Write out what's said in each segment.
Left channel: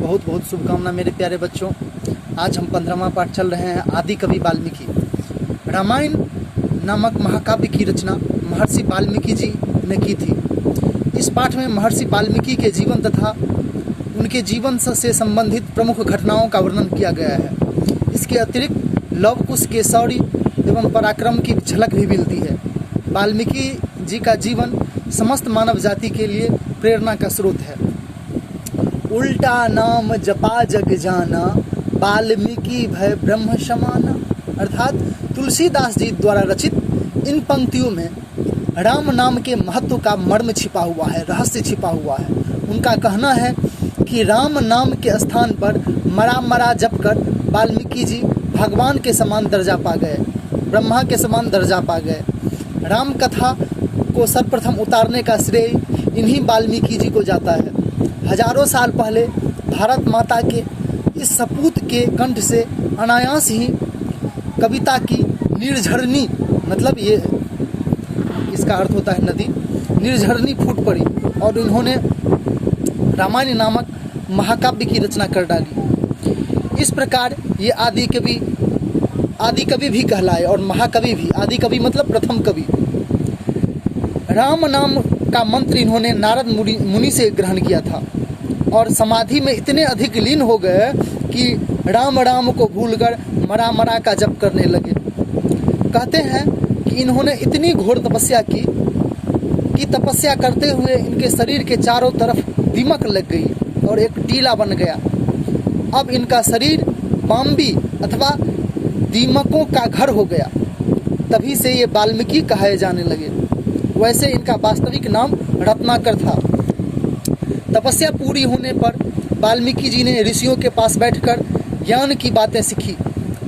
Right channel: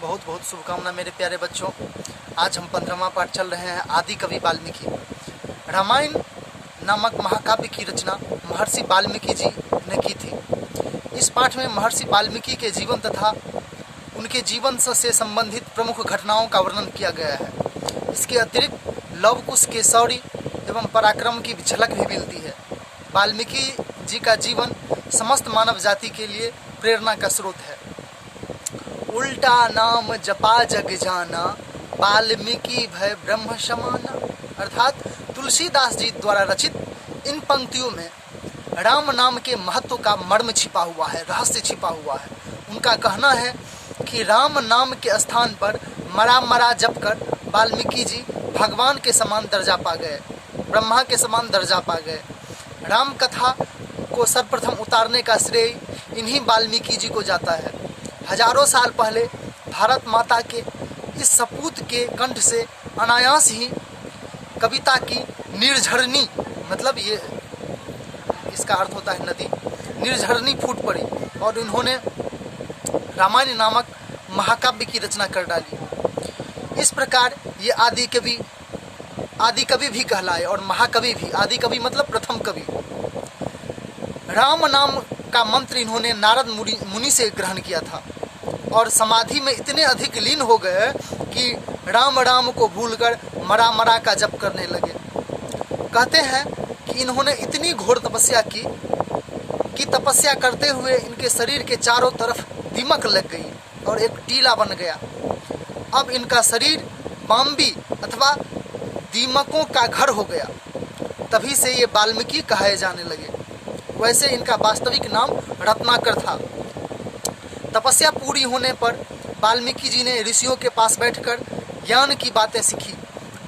बहुत बहुत शुभकामना मेरे प्यारे बच्चों। आज हम 15वां पाठ चल रहे हैं आदि कवि वाल्मीकि। रामायण नामक महाकाव्य की रचना महर्षि वाल्मीकि जी ने की थी। इस पाठ में महर्षि वाल्मीकि के जीवन तथा उनके जीवन से संबंधित प्रमुख घटनाओं का वर्णन किया गया है। इसके अतिरिक्त लव कुश के शौर्य एवं पराक्रम की झलक भी मिलती है। वाल्मीकि जी का जीवन समस्त मानव जाति के लिए प्रेरणा का स्रोत है। उल्टा नाम जपा जग जाना, वाल्मीकि भय ब्रह्म समाना। अर्थात तुलसीदास जी द्वारा रचित इन पंक्तियों में राम नाम के महत्व का मर्म छिपा हुआ है, रहस्य छिपा हुआ है। उनका कहना है कि राम नाम के स्थान पर मरा मरा जप कर वाल्मीकि जी भगवान के समान दर्जा पा गए, ब्रह्मा के समान दर्जा पा गए। राम कथा को सर्वप्रथम उतारने का श्रेय इन्हीं वाल्मीकि जी को जाता है। हजारों साल पहले भारत माता के इस सपूत के कंठ से अनायास ही कविता की निर्झरनी, मतलब ये इसका अर्थ होता है नदी, निर्झरनी फूट पड़ी और उन्होंने रामायण नामक महाकाव्य की रचना कर डाली। इस प्रकार ये आदि कवि भी कहलाए और महाकवि भी। आदि कवि मतलब प्रथम कवि। राम नाम का मंत्र इन्होंने नारद मुनि से ग्रहण किया था और समाधि में इतने अधिक लीन हो गए कि राम राम को भूलकर मरा मरा का जप करने लगे। कहते हैं कि इन्होंने इतनी घोर तपस्या की कि तपस्या करते हुए इनके शरीर के चारों तरफ दीमक लग गई और एक टीला बन गया। अब इनका शरीर बाम्बी अथवा दीमकों का घर हो गया। तभी से ये वाल्मीकि कहे जाने लगे। वैसे इनका वास्तविक नाम रत्नाकर था। तपस्या पूरी होने पर वाल्मीकि जी ने ऋषियों के पास बैठकर ज्ञान की बातें सीखी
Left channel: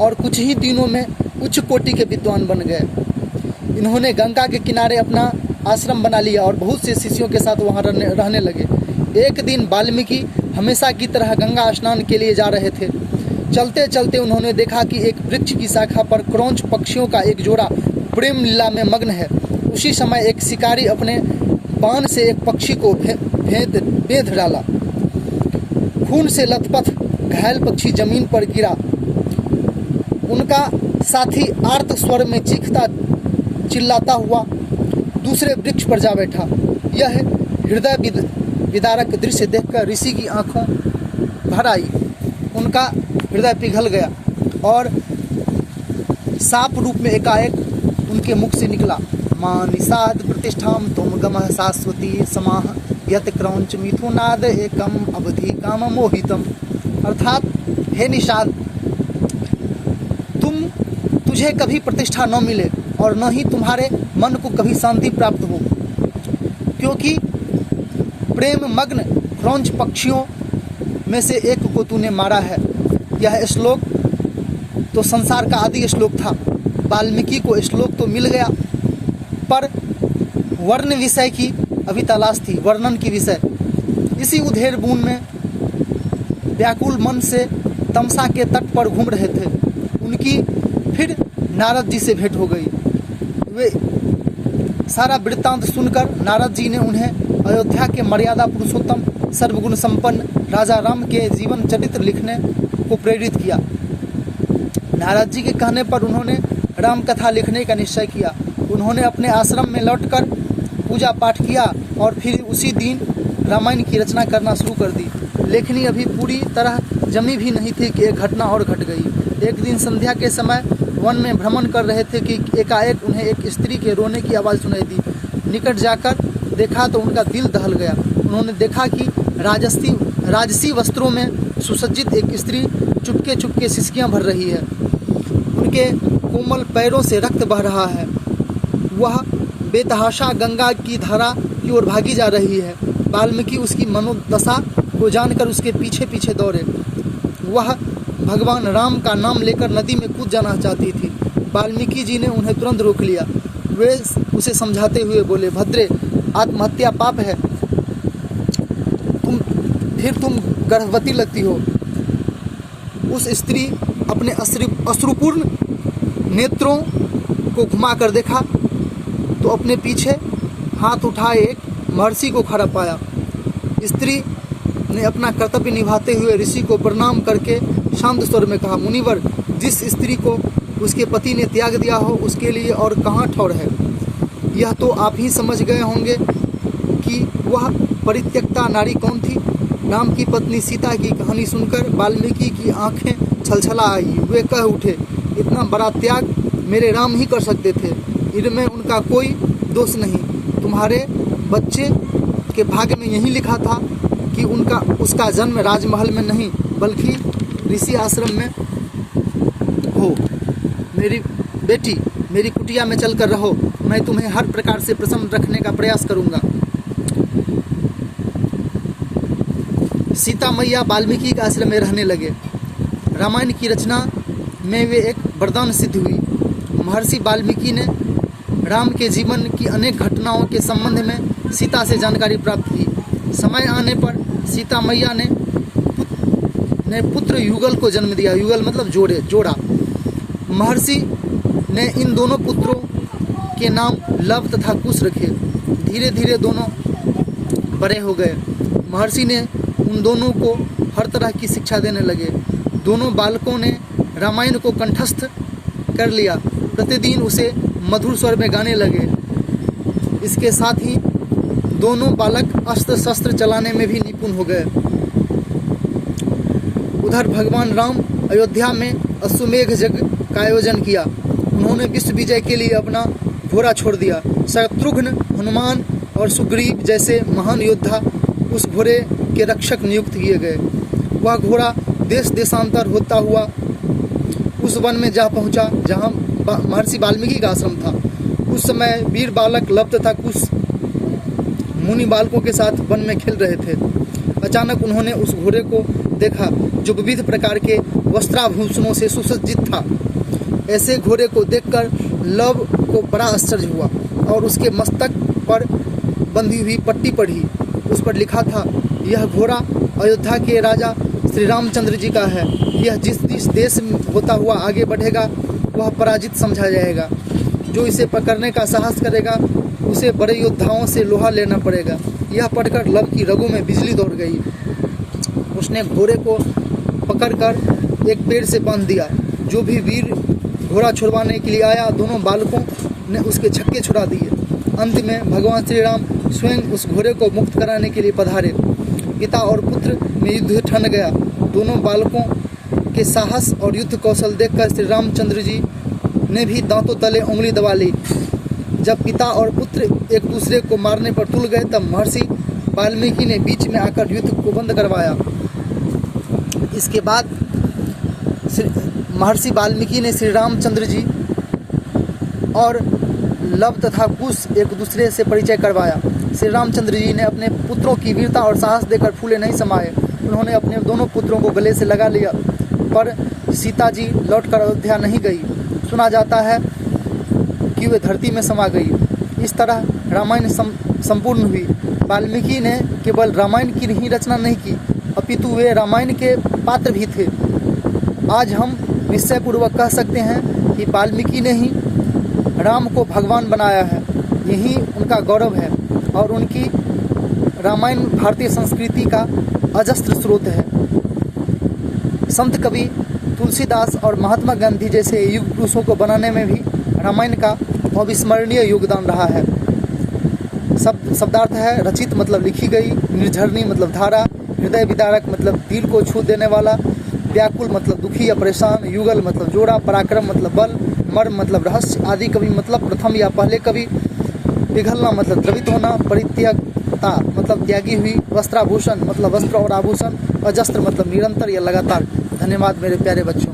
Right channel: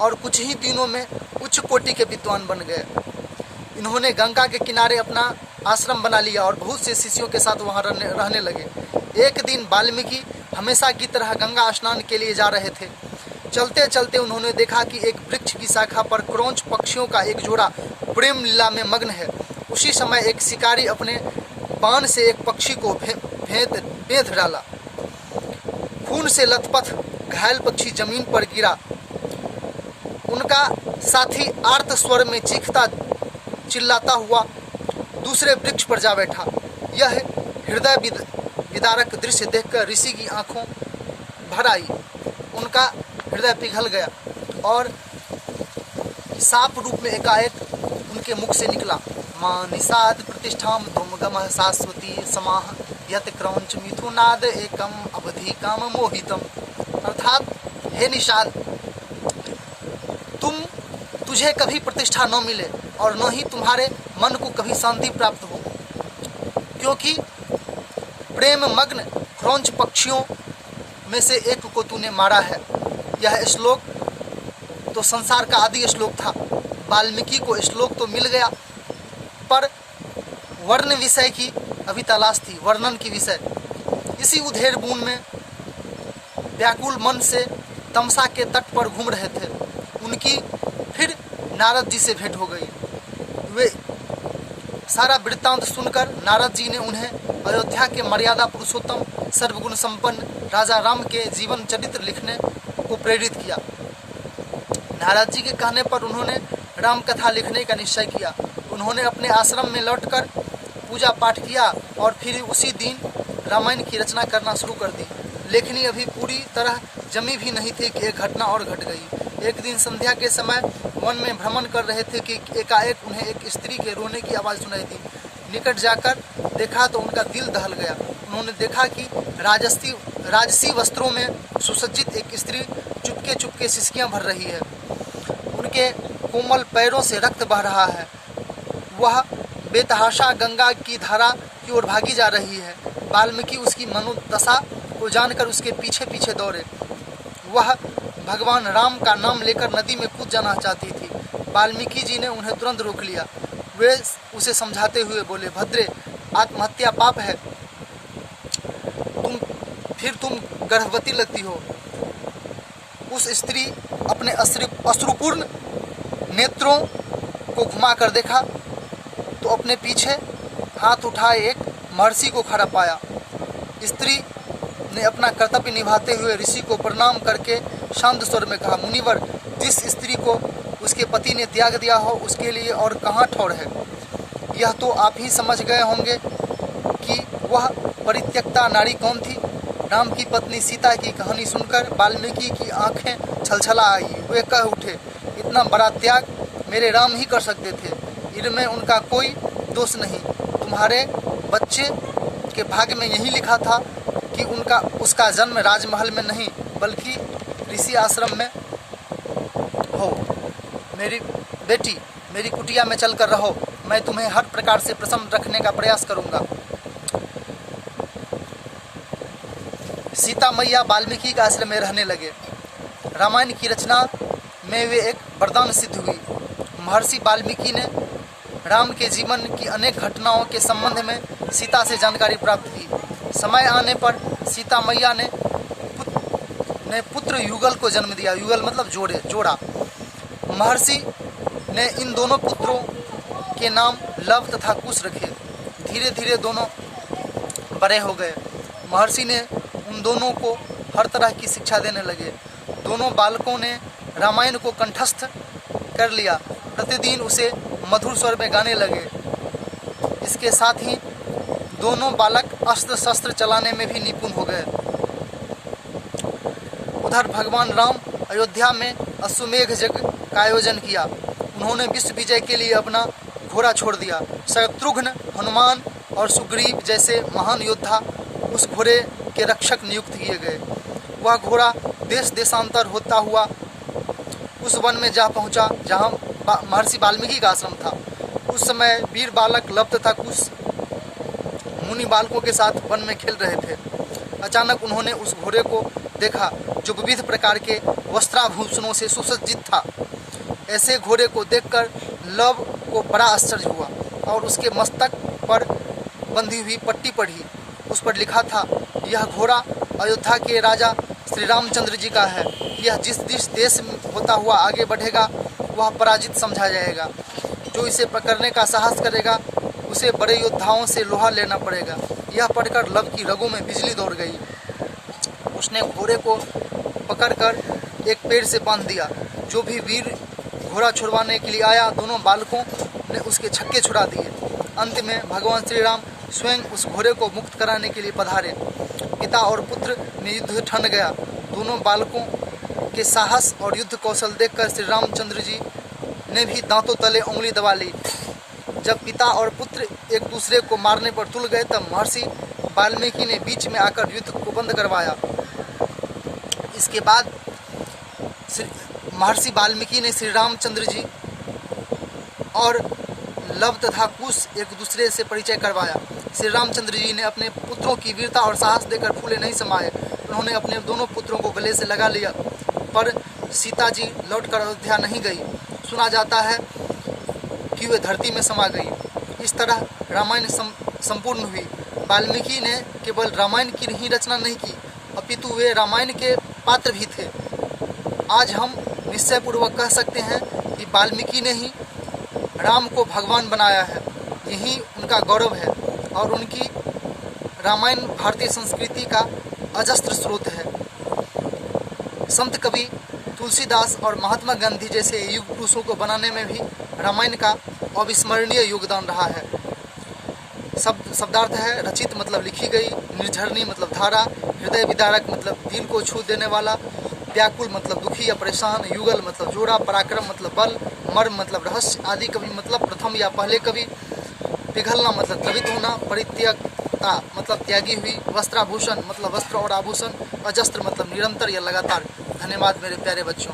और कुछ ही दिनों में उच्च कोटि के विद्वान बन गए। इन्होंने गंगा के किनारे अपना आश्रम बना लिया और बहुत से शिष्यों के साथ वहां रहने लगे। एक दिन वाल्मीकि हमेशा की तरह गंगा स्नान के लिए जा रहे थे। चलते चलते उन्होंने देखा कि एक वृक्ष की शाखा पर क्रौंच पक्षियों का एक जोड़ा प्रेम लीला में मग्न है। उसी समय एक शिकारी अपने बाण से एक पक्षी को बेध डाला। खून से लथपथ घायल पक्षी जमीन पर गिरा। उनका साथी आर्त स्वर में चीखता चिल्लाता हुआ दूसरे वृक्ष पर जा बैठा। यह हृदय विदारक दृश्य देखकर ऋषि की आंखों भर आई। उनका हृदय पिघल गया और साप रूप में एकाएक उनके मुख से निकला, मां निषाद प्रतिष्ठाम तुम गमः शाश्वती समाह यत क्रौंच मिथुनाद एकम अवधि काम मोहितम। अर्थात हे निषाद, तुझे कभी प्रतिष्ठा न मिले और न ही तुम्हारे मन को कभी शांति प्राप्त हो, क्योंकि प्रेम मग्न क्रौंच पक्षियों में से एक को तूने मारा है। यह श्लोक तो संसार का आदि श्लोक था। वाल्मीकि को श्लोक तो मिल गया, पर वर्ण विषय की अभी तलाश थी, वर्णन की विषय। इसी उधेड़ बूंद में व्याकुल मन से तमसा के तट पर घूम रहे थे। उनकी फिर नारद जी से भेंट हो गई। वे सारा वृत्तांत सुनकर नारद जी ने उन्हें अयोध्या के मर्यादा पुरुषोत्तम सर्वगुण संपन्न राजा राम के जीवन चरित्र लिखने को प्रेरित किया। नारद जी के कहने पर उन्होंने राम कथा लिखने का निश्चय किया। उन्होंने अपने आश्रम में लौटकर पूजा पाठ किया और फिर उसी दिन रामायण की रचना करना शुरू कर दी। लेखनी अभी पूरी तरह जमी भी नहीं थी कि एक घटना और घट गई। एक दिन संध्या के समय वन में भ्रमण कर रहे थे कि एकाएक उन्हें एक स्त्री के रोने की आवाज़ सुनाई दी। निकट जाकर देखा तो उनका दिल दहल गया। उन्होंने देखा कि राजसी वस्त्रों में सुसज्जित एक स्त्री चुपके चुपके सिसकियां भर रही है। उनके कोमल पैरों से रक्त बह रहा है। वह बेतहाशा गंगा की धारा की ओर भागी जा रही है। वाल्मीकि उसकी मनोदशा को जानकर उसके पीछे पीछे दौड़े। वह भगवान राम का नाम लेकर नदी में कूद जाना चाहती थी। वाल्मीकि जी ने उन्हें तुरंत रोक लिया। वे उसे समझाते हुए बोले, भद्रे, आत्महत्या पाप है। तुम गर्भवती लगती हो। उस स्त्री अपने अश्रुपूर्ण नेत्रों को घुमाकर देखा तो अपने पीछे हाथ उठाए एक महर्षि को खड़ा पाया। स्त्री ने अपना कर्तव्य निभाते हुए ऋषि को प्रणाम करके शांत स्वर में कहा, मुनिवर, जिस स्त्री को उसके पति ने त्याग दिया हो उसके लिए और कहाँ ठौर है। यह तो आप ही समझ गए होंगे कि वह परित्यक्ता नारी कौन थी। राम की पत्नी सीता की कहानी सुनकर वाल्मीकि की आंखें छलछला आई। वे कह उठे, इतना बड़ा त्याग मेरे राम ही कर सकते थे, इनमें उनका कोई दोष नहीं। तुम्हारे बच्चे के भाग्य में यही लिखा था कि उसका जन्म राजमहल में नहीं बल्कि ऋषि आश्रम में हो। मेरी बेटी, मेरी कुटिया में चलकर रहो, मैं तुम्हें हर प्रकार से प्रसन्न रखने का प्रयास करूंगा। सीता मैया वाल्मीकि के आश्रम में रहने लगे। रामायण की रचना में वे एक वरदान सिद्ध हुई। महर्षि वाल्मीकि ने राम के जीवन की अनेक घटनाओं के संबंध में सीता से जानकारी प्राप्त की। समय आने पर सीता मैया ने पुत्र युगल को जन्म दिया। युगल मतलब जोड़ा। महर्षि ने इन दोनों पुत्रों के नाम लव तथा कुश रखे। धीरे धीरे दोनों बड़े हो गए। महर्षि ने उन दोनों को हर तरह की शिक्षा देने लगे। दोनों बालकों ने रामायण को कंठस्थ कर लिया। प्रतिदिन उसे मधुर स्वर में गाने लगे। इसके साथ ही दोनों बालक अस्त्र शस्त्र चलाने में भी निपुण हो गए। उधर भगवान राम अयोध्या में अश्वमेघ यज्ञ का आयोजन किया। उन्होंने विश्व विजय के लिए अपना घोड़ा छोड़ दिया। शत्रुघ्न, हनुमान और सुग्रीव जैसे महान योद्धा उस घोड़े के रक्षक नियुक्त किए गए। वह घोड़ा देश देशांतर होता हुआ उस वन में जा पहुंचा जहां महर्षि वाल्मीकि का आश्रम था। उस समय वीर बालक लव तथा कुश मुनि बालकों के साथ वन में खेल रहे थे। अचानक उन्होंने उस घोड़े को देखा जो विविध प्रकार के वस्त्राभूषणों से सुसज्जित था। ऐसे घोड़े को देखकर लव को बड़ा आश्चर्य हुआ और उसके मस्तक पर बंधी हुई पट्टी पढ़ी। उस पर लिखा था, यह घोड़ा अयोध्या के राजा श्री रामचंद्र जी का है। यह जिस देश में होता हुआ आगे बढ़ेगा वह पराजित समझा जाएगा। जो इसे पकड़ने का साहस करेगा उसे बड़े योद्धाओं से लोहा लेना पड़ेगा। यह पढ़कर लव की रगों में बिजली दौड़ गई। उसने घोड़े को पकड़कर एक पेड़ से बांध दिया। जो भी वीर घोड़ा छुड़वाने के लिए आया, दोनों बालकों ने उसके छक्के छुड़ा दिए। अंत में भगवान श्री राम स्वयं उस घोड़े को मुक्त कराने के लिए पधारे। पिता और पुत्र में युद्ध ठन गया। दोनों बालकों के साहस और युद्ध कौशल देखकर श्री रामचंद्र जी ने भी दांतों तले उंगली दबा ली। जब पिता और पुत्र एक दूसरे को मारने पर तुल गए तब महर्षि वाल्मीकि ने बीच में आकर युद्ध को बंद करवाया। इसके बाद महर्षि वाल्मीकि ने श्री रामचंद्र जी और लव तथा कुश एक दूसरे से परिचय करवाया। श्री रामचंद्र जी ने अपने पुत्रों की वीरता और साहस देकर फूले नहीं समाये। उन्होंने अपने दोनों पुत्रों को गले से लगा लिया, पर सीता जी लौटकर अयोध्या नहीं गई। सुना जाता है कि वे धरती में समा गई। इस तरह रामायण संपूर्ण हुई। वाल्मीकि ने केवल रामायण की ही रचना नहीं की, अपितु वे रामायण के पात्र भी थे। आज हम निश्चयपूर्वक कह सकते हैं कि वाल्मीकि ने ही राम को भगवान बनाया है। यही उनका गौरव है और उनकी रामायण भारतीय संस्कृति का अजस्त्र स्रोत है। संत कवि तुलसीदास और महात्मा गांधी जैसे युग पुरुषों को बनाने में भी रामायण का अविस्मरणीय योगदान रहा है। शब्दार्थ है रचित मतलब लिखी गई, निर्झरणी मतलब धारा, हृदय विदारक मतलब दिल को छू देने वाला, व्याकुल मतलब दुखी या परेशान, युगल मतलब जोड़ा, पराक्रम मतलब बल, मर्म मतलब रहस्य, आदि कवि मतलब प्रथम या पहले कवि, पिघलना मतलब द्रवित होना, परित्यक्ता मतलब त्यागी हुई, वस्त्राभूषण मतलब वस्त्र और आभूषण, अजस्त्र मतलब निरंतर या लगातार। धन्यवाद मेरे प्यारे बच्चों।